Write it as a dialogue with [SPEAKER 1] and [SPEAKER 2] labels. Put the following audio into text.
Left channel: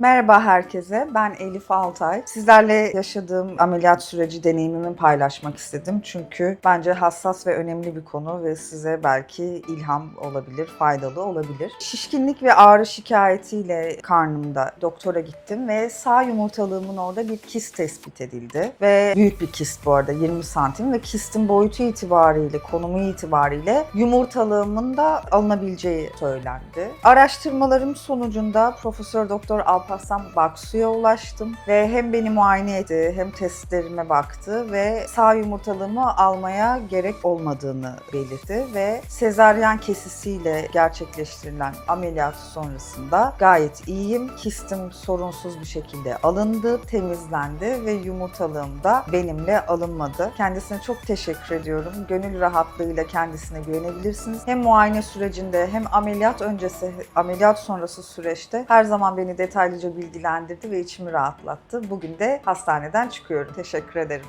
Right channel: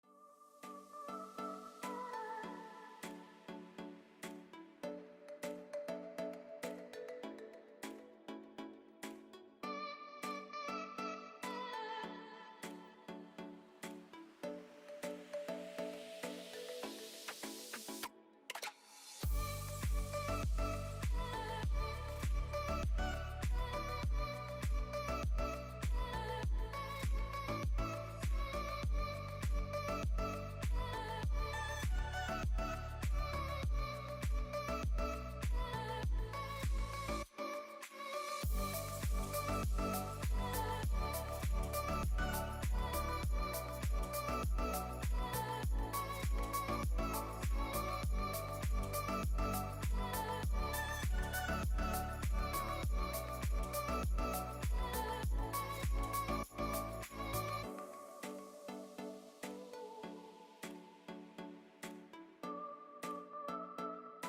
[SPEAKER 1] Merhaba herkese, ben Elif Altay. Sizlerle yaşadığım ameliyat süreci deneyimimi paylaşmak istedim. Çünkü bence hassas ve önemli bir konu ve size belki ilham olabilir, faydalı olabilir. Şişkinlik ve ağrı şikayetiyle karnımda doktora gittim ve sağ yumurtalığımın orada bir kist tespit edildi. Ve büyük bir kist bu arada, 20 santim ve kistin boyutu itibariyle, konumu itibariyle yumurtalığımın da alınabileceği söylendi. Araştırmalarım sonucunda Profesör Doktor Alparslan Baksu'ya ulaştım ve hem beni muayene etti hem testlerime baktı ve sağ yumurtalığımı almaya gerek olmadığını belirtti ve sezaryen kesisiyle gerçekleştirilen ameliyat sonrasında gayet iyiyim. Kistim sorunsuz bir şekilde alındı, temizlendi ve yumurtalığım da benimle alınmadı. Kendisine çok teşekkür ediyorum. Gönül rahatlığıyla kendisine güvenebilirsiniz. Hem muayene sürecinde hem ameliyat öncesi, ameliyat sonrası süreçte her zaman beni detaylıca bilgilendirdi ve içimi rahatlattı. Bugün de hastaneden çıkıyorum. Teşekkür ederim.